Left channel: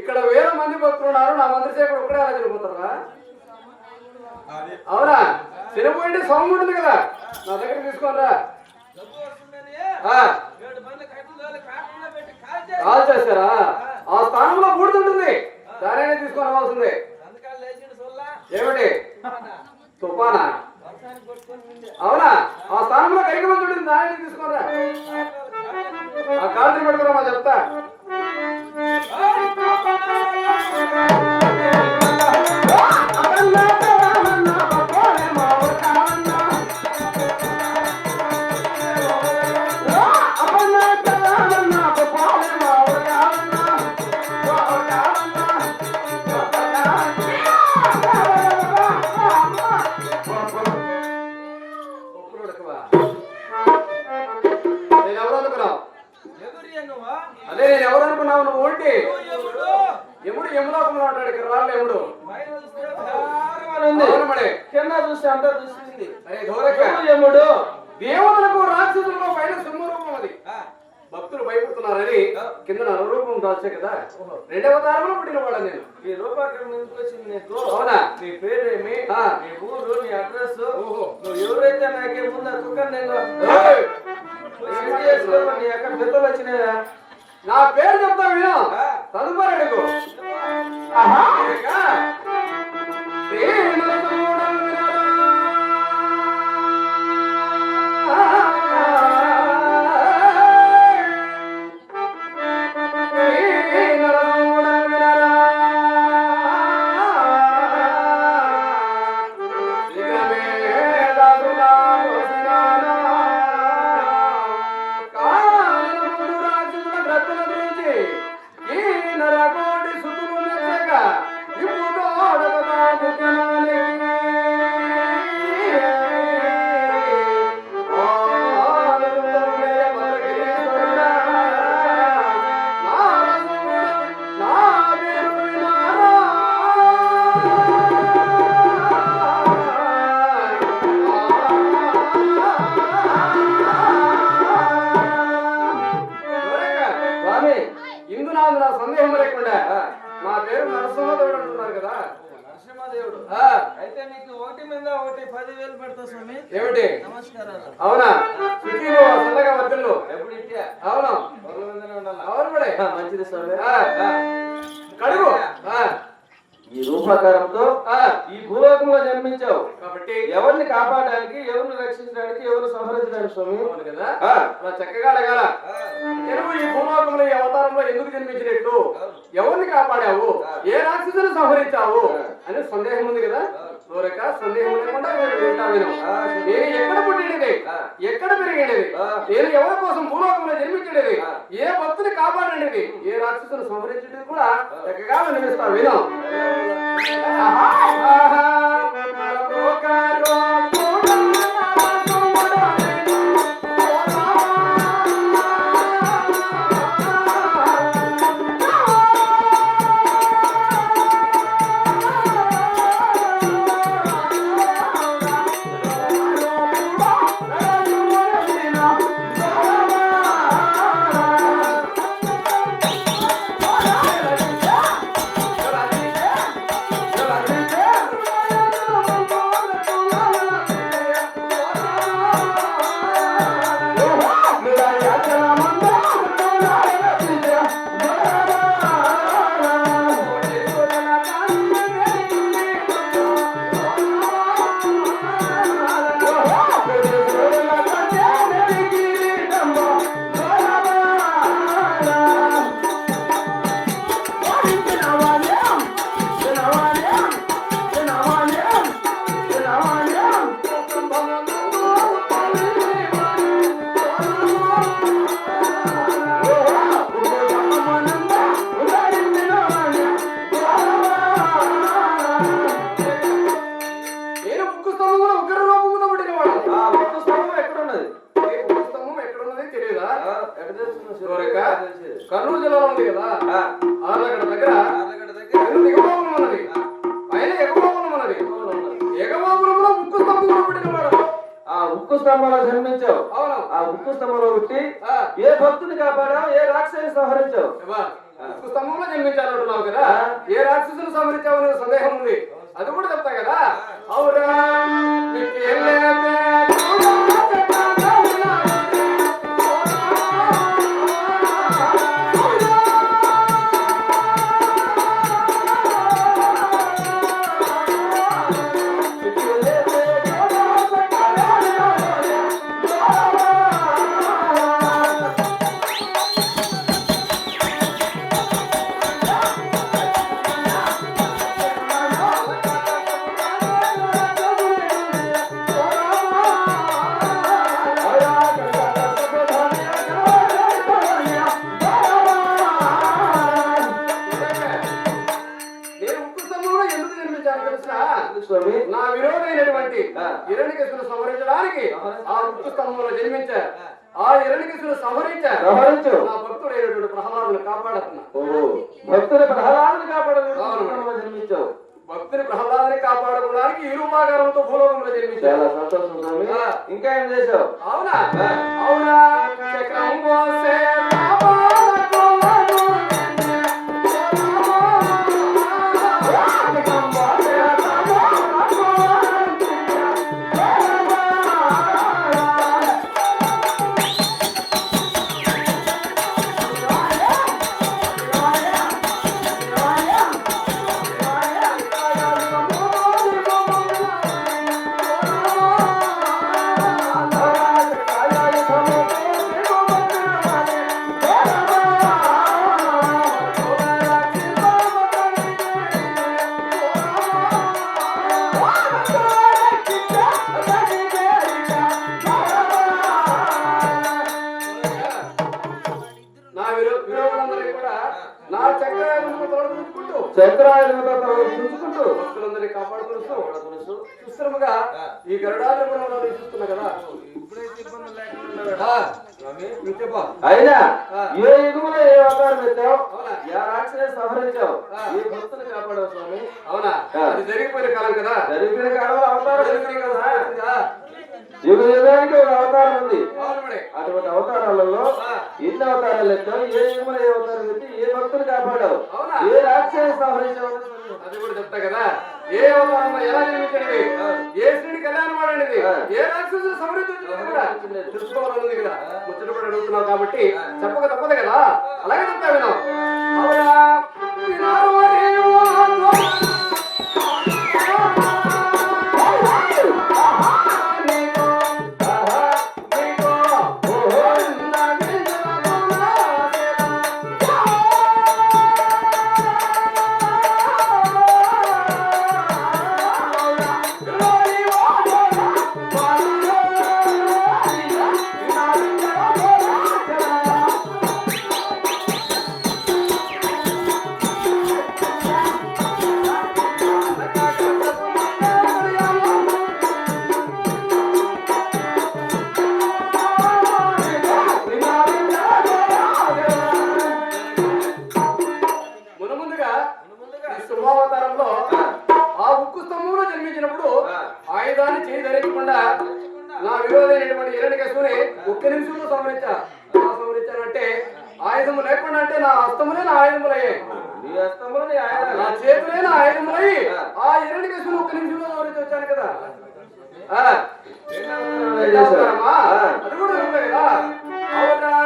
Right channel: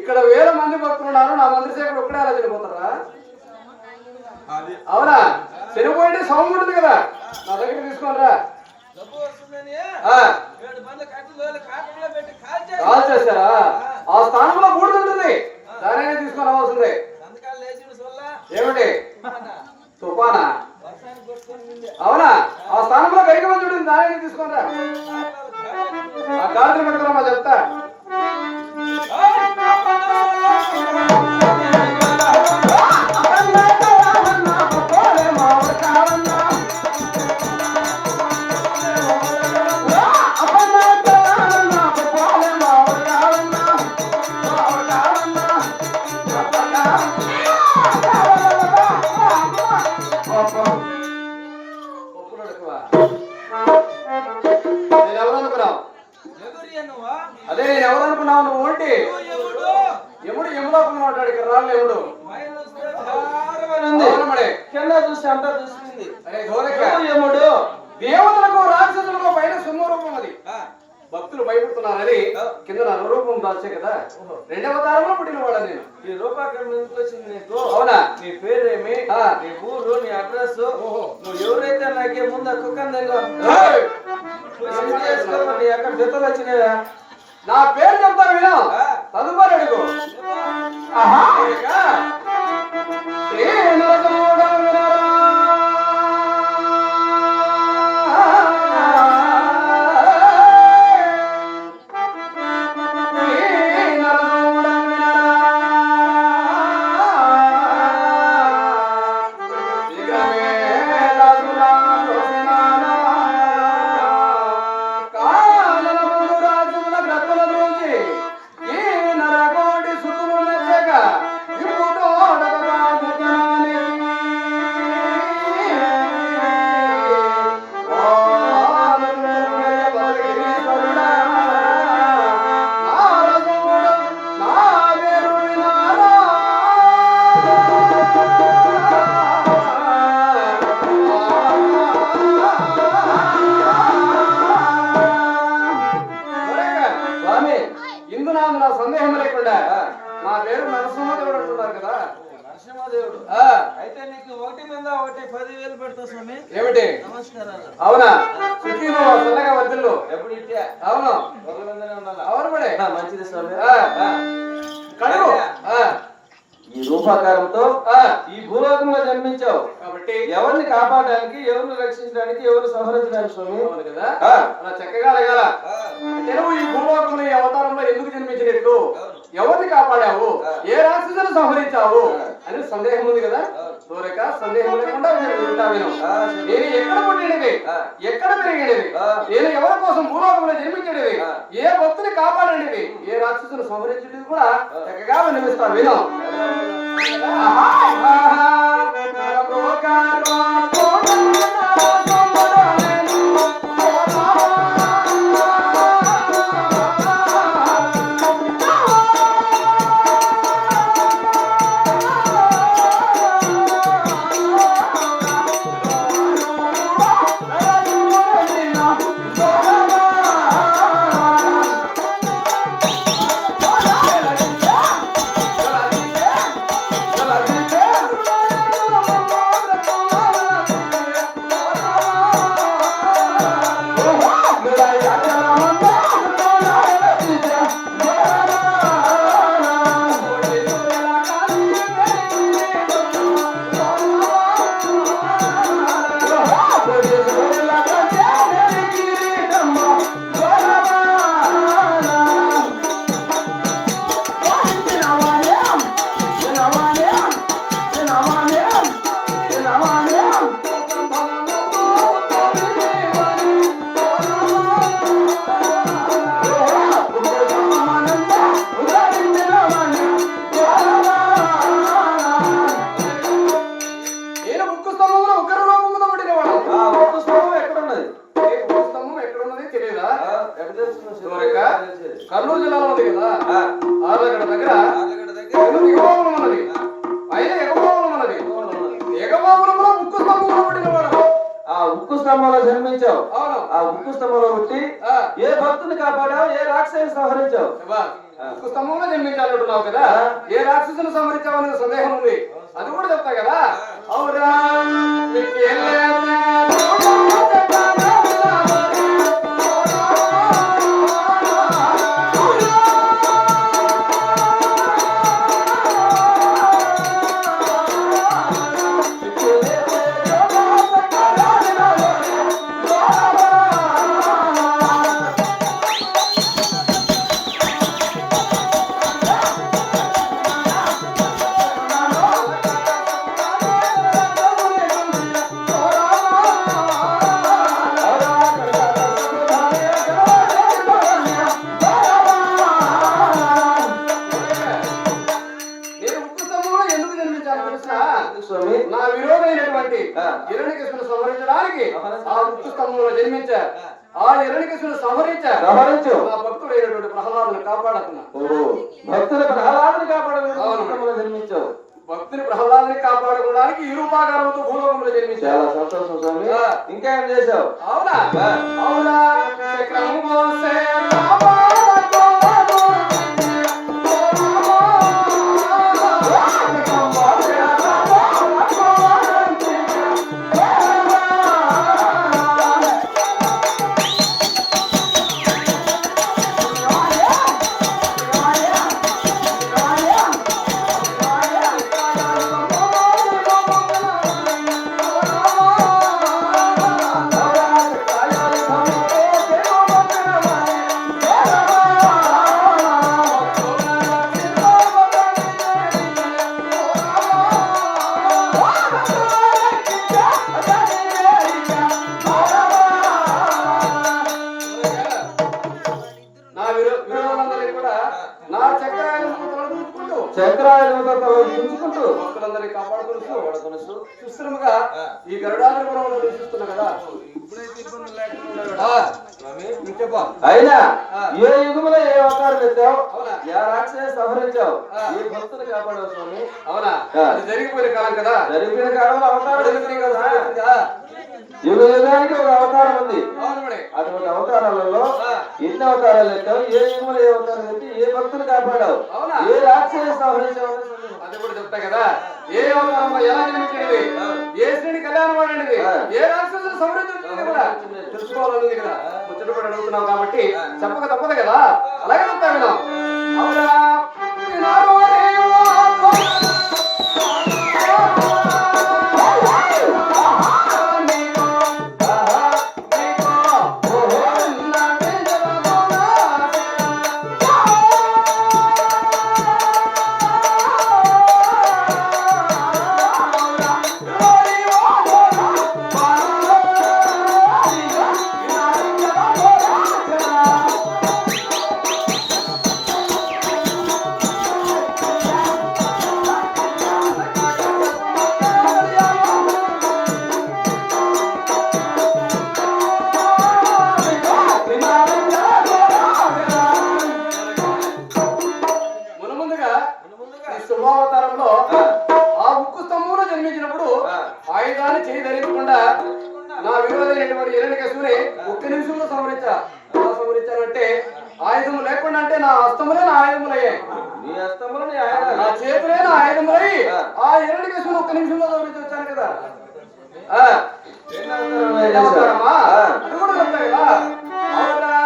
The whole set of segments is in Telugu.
ఇక్కడ వేల మంది భక్తులు ఉన్నారు. నా మంత్రిసేవకుడు ఒక్కడే అలా చనిపోతారా? అవునా? చనిపోండి సౌండ్ ఉంది కదా, నా దగ్గర తీసుకోనరా. కాల్ చేస్తారా? ఆ స్థానంలో బూడుతుంటుంది, దానినే తీసుకొని రావాల్సిందే. ఏమిటి తుఫానా? అవునా? ఆ స్థానంలో కరిగి ఉంటుంది, దానినే తీసుకోనరా. ఆ కాల్చి పెట్టుకురా, మా చెప్తా. అదే ఎవరు అనుకున్నావు నువ్వు? ఏంటి ఎముడు ఎముడు మాట్లాడు, ఇక్కడ రాళ్ళు ఎముడు కింద చూస్తే అంతా చూసింది. ఎముడు దేవతలకు రాక్షసులకు పైన సింహరూపం, అది భక్తులు భయపడుతున్నారని కింద నరరూపం దాచే కదా. రెండవ కాలంలో పుట్టిన వాడు నేను. ఈ రూపాకరణ ఎందుకు వచ్చింది నీకు? అవునా? నీ పేరేమి, నీ ఊరు, నీ అడ్రస్, నువ్వు ఎవరైతే నాకే ముందు కుక్కని ఎక్కడ జతలు వచ్చినాయా? నా పేరు చెప్తా విను, తదుపరి అడుగు. సందేహం లేకుండా నా పేరు నరసింహదేవుడు అంటున్నారు కదా. నరసింహదేవుడు అయితే నీకు ఒకటి మీద ఒకటి 10,000 పెడతా స్వామి. ఏమిటి? నమస్కారాలు. అవునా? చల్లగా వద్దులు ఎప్పుడు ఇచ్చా? అవును, అవును కూడా మంచిది స్వామి. కడుగు. ఈ రూపాకారంతో ఈ భూలోకంలో జన్మించావు కాబట్టి ఎవరిని కాపాడడానికి, ఎవరిని రక్షించడానికి, ఎవరు సంహరించడానికి స్వామి చక్కగా లేదా? ఈ భూలోకంలో ఈ అవతారంలో ఎందుకు జన్మించినట్టు, ఎవరిని కాపాడావు, ఏ రాక్షసుని సంహరించావు అని సందేహం ఉంది కదా. కోరిక సందేహం లేకుండా నేను ఎక్కడ పుట్టినవి, ఎక్కడ పెరిగినవి, నేను ఎవరి కోసం భూలోకంలో జన్మించినవి, ఏ భక్తుని కాపాడినవి, ఏ రాక్షసుని సంహరించినవి కూడా చక్కగా వినిపిస్తాను విను. కర్నూలు జిల్లాలో ఉంది కదా ఆర్లగడ్డ దగ్గర ఎగబాగులం ఉన్నది. అయినా ఎగబాగులం ఉన్నది. ఎగబాగులంలో ఉక్కు స్తంభంలో పుట్టినవాడు. ఆ ఉక్కు స్తంభంలో జన్మించావు. ఆ ఉక్కు స్తంభంలో పుట్టి ఏ భక్తుని కాపాడావు, ఏ రాక్షసుని సంహరించావు. ఉక్కు స్తంభంలో జన్మించాలంటున్నావు కదా, ఏ రాక్షసుని సంహరించావు అనే సందేహం ఉంది. అది కూడా చెప్తా కదా. అవురా నా విరోధమైనటువంటి హిరణ్యకశిపుని సంహరించడానికి ఆ ఉక్కు స్తంభంలో జన్మించారు. ఆ హిరణ్యకశిపుని సంహరించారు. నా భక్తుడైనటువంటి ప్రహ్లాదుని కాపాడుతున్నా. భక్తుల ప్రహ్లాదుని కాపాడడానికి జన్మించావు. భక్తుని ప్రహ్లాదుని కాపాడుకోవడానికి ఈ రూపాకారంతో భూలోకంలో జన్మించావు. చాలా సంతోషం స్వామి. ఇంకా ఏం చేశావు? అవునా అవునా చక్రం మోసే చక్రాలను చూసుకుంటూ భక్తులందరినీ కాపాడుతూ సుస్థిరముగా ఈ గరుడాపురంలో నివసిస్తున్నా కదా. ఇప్పుడైతే ఇబ్బందులు లేకుండా అయినా ఏ యుగంలో ఏ అవతారం ఎత్తావు, ఏ రాక్షస సంహరించావు, ఏ భక్తులు కాపాడావు స్వామి. అవునా అది జరిగిపోయిన కాలం కదా. జరిగిపోయిన కాలంలో అవతారం యుగ యుగానికి ఒక అవతారం ఉంది. అటువంటి అవతారాలలో ఎన్ని అవతారాలు ఎత్తావు, ఏ యుగంలో ఏ అవతారం ఎత్తి ఏ భక్తులు కాపాడావు, ఏ రాక్షస సంహరించావు అది కూడా చెప్తా కదా. ఏ అవతారంలో ఎలా నియమించినది, ఏ శ్రేణి కళ్యాణం వాడినది, ఏ రాక్షసులు సంహరించారు తెలుసుకోవాలన్నది కదా. ముచ్చట కూడా అడుగుతున్నావు కాబట్టి చెప్పక తప్పదు కదా. అలాగే చెప్తా విన్నాం. అవునా శుభావతారంలో ఆ ఉక్కు స్తంభంలో జన్మించినప్పుడు ఆయుధాన్ని చేయి ధరించకుండా నా విరోధమైనటువంటి హిరణ్యకశిపుని ఒక్క నిమిషంలో సంహరించారంటే ఆయుధము లేకుండా అంటే నా హస్తములే నా ఆయుధములయ్యాయి. నా చేతులే నా ఆయుధములై ఆ హిరణ్యకశిపుని ఒక్క నిమిషంలో సంహరించి వచ్చాను కదా. అది కూడా చెప్తా కదా. అవునా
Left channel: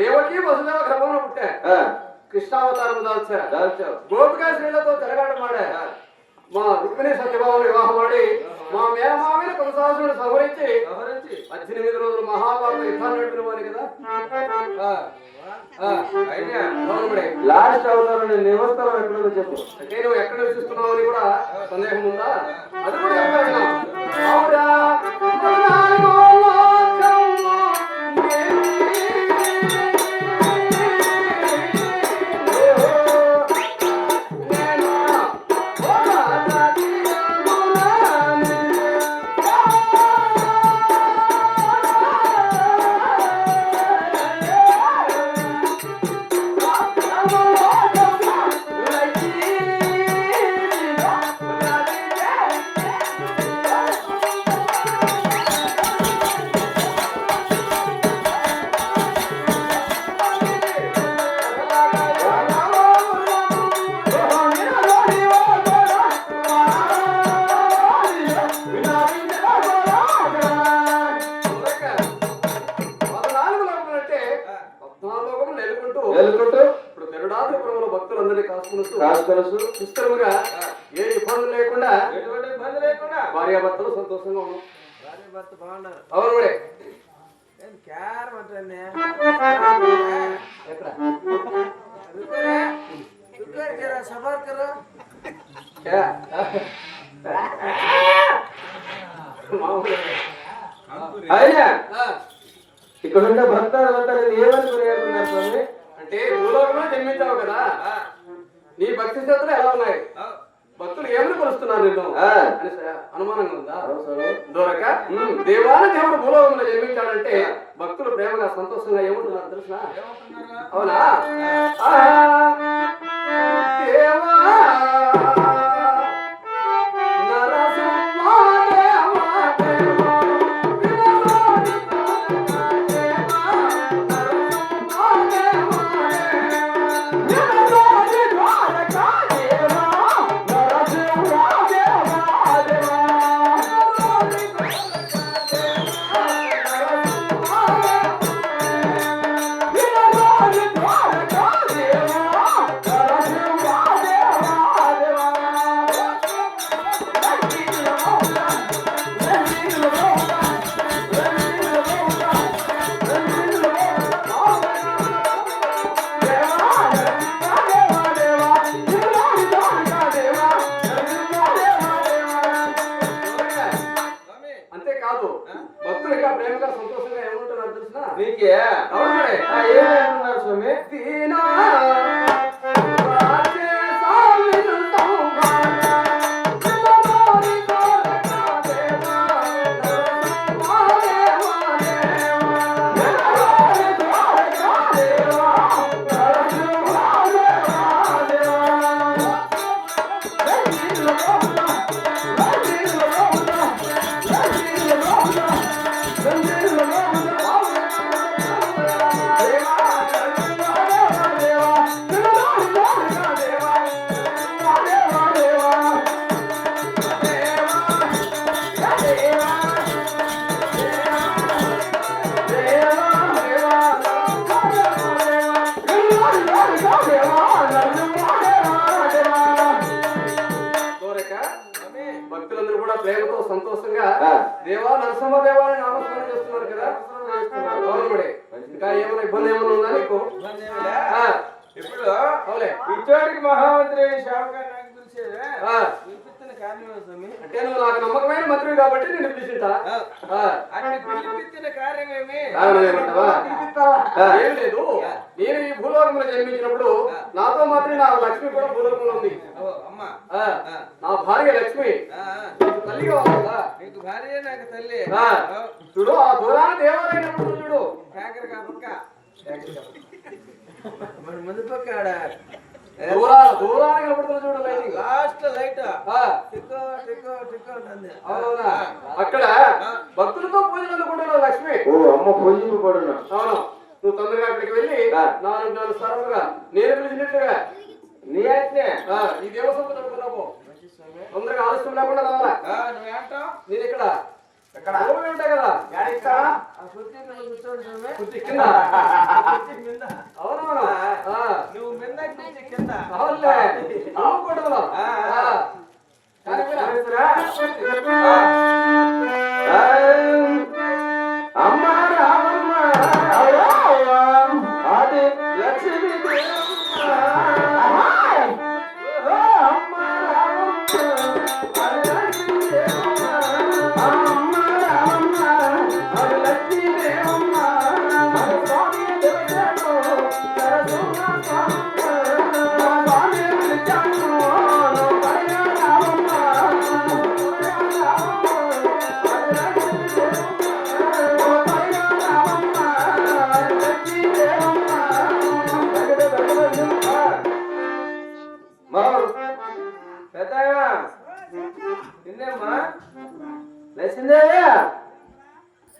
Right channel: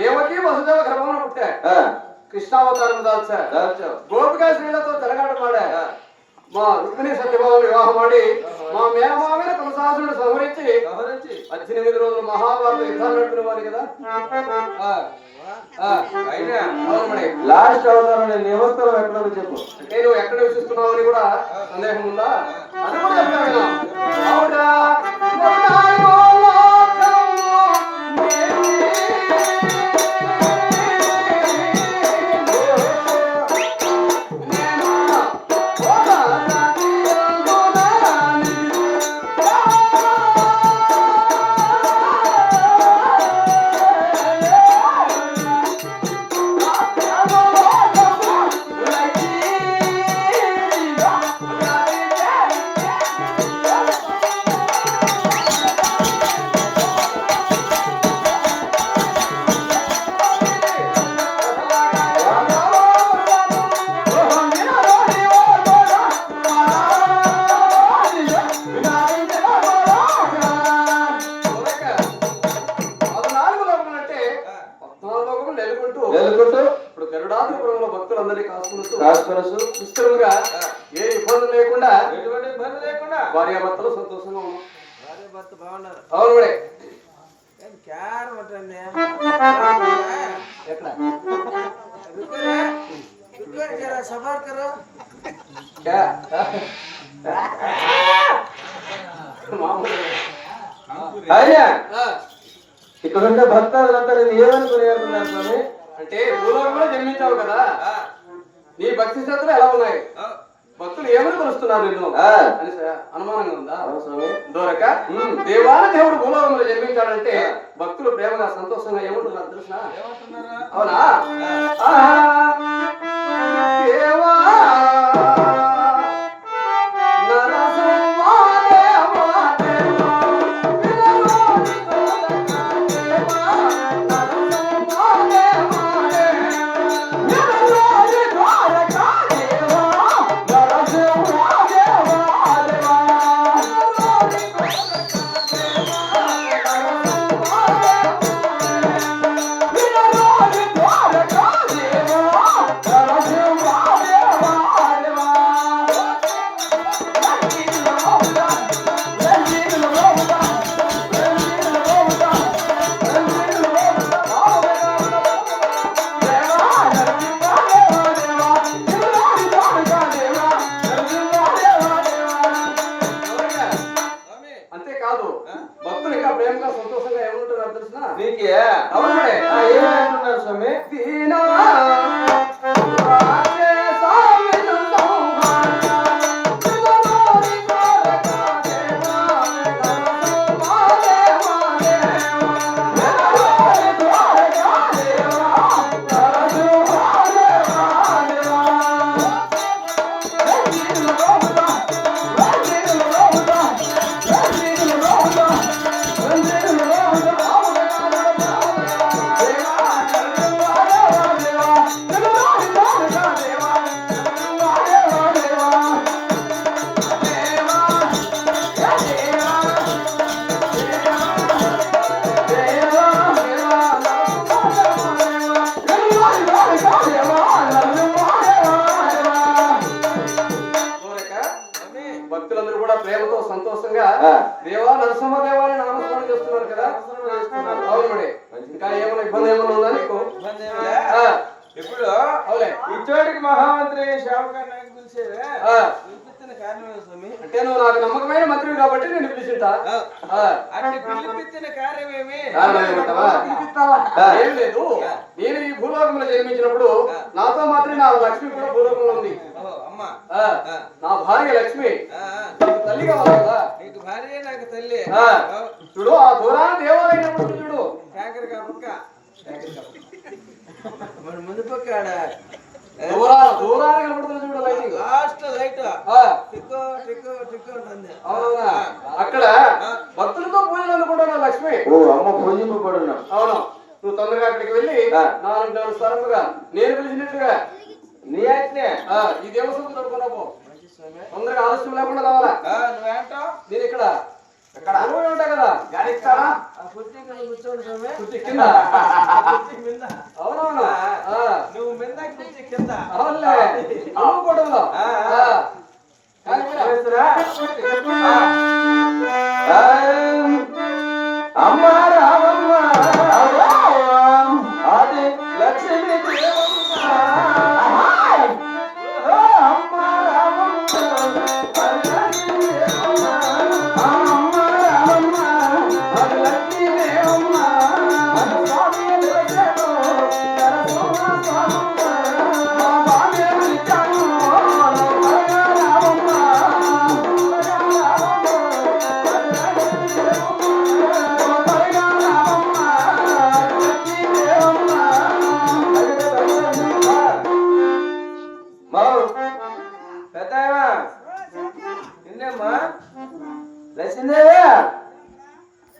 దేవకి వసుదేవ గర్భంలో పుట్టా కృష్ణావతారం దాల్చావు గోపికా స్త్రీలతో తిరగాటమాడా మా రుక్మిణి సత్యభావం వివాహం ఆడి మా మేనమామని కొనసాగుని సంహరించి 18 రోజులు మహాభారత యుద్ధాలు నడిపిన వారు కదా. లాస్ట్ అవతారం నేను నివస్తరం ఎక్కడ చెప్పు నేను ఎక్కడ నివసిస్తున్నావు అని కూడా సందేహం ఉందా? అది కూడా ఏ ఇబ్బంది లేకుండా భార్యాభర్తలు సంతోషంగా ఉన్నాం. భార్యాభర్త బాగున్నారు. అవును మేడం. ఇక్కడ భర్త ఏమనుకున్నారు అంటే భూలోకంలో జన్మించావు కదా, నీ భక్తి శ్రద్ధలు ఎలా ఉన్నాయి, భక్తులు ఏమని కొలుస్తున్నారు నిన్ను అనుమానంగా ఉందా? దొరక దేవాలయ దేవుడు భూలోకంలో జన్మించాడంటే భక్తులు ప్రేమగా సంతోషంగా ఏమంటున్నారు తెలుసా? అవునా? దేవా దేవా నరసింహదేవాన్ని నామస్మరణ చేస్తున్నారు కదా. ఇంకా ఏమైనా ఇబ్బంది ఏమైనా ఉందా నీకు? ఇప్పుడు ఇచ్చోడికి మహామంత్రి శావకాన్ని నాకు పిలిచేవే పిలిపిస్తున్న కారణమే స్వామి. అంటే నువ్వు నాకు నమ్మకమైన మంత్రి కాబట్టి నేను పిలిచిందా? అంటే పిలిపిస్తున్న కార్యమేమి ఏం లేదు. నేను ఈ భూలోకంలో జన్మించినప్పుడు నాతో మాత్రం నా లక్ష్మి కూడా భూలోకంలో ఉంది. నా భార్య లక్ష్మి తల్లి కావాలి కదా. నీకు భార్య నాకు తల్లి. చూడు ఆ దూరాన్ని దేవాలయం చూడు కాకరకా పక్క ముందు పక్క దూరాన్ని కనపడుతుంది చూడు లైట్ లాస్ట్ లైట్ టిక్కో టిక్కో టిక్కో ఉంటుంది. అవునా? అక్కడ భక్తులతో పూజలు అనుకుంటున్నా లక్ష్మి. ఓ అమ్మ పూజలు కూడా. అవును. నువ్వు తొందరగా అక్కడికి వెళ్ళి 4 స్థానాలుగా నేను పిలిచినట్టుగా నీ అయితే ఈ దేవస్థానం జరుపుకున్నావు. తొందరగా ఆలస్యం లేకుండా రావాలా? నువ్వేంటావు? నేను ఇక్కడ ఉంటా కదా గాడి కూర్చోండి కింద వచ్చిందే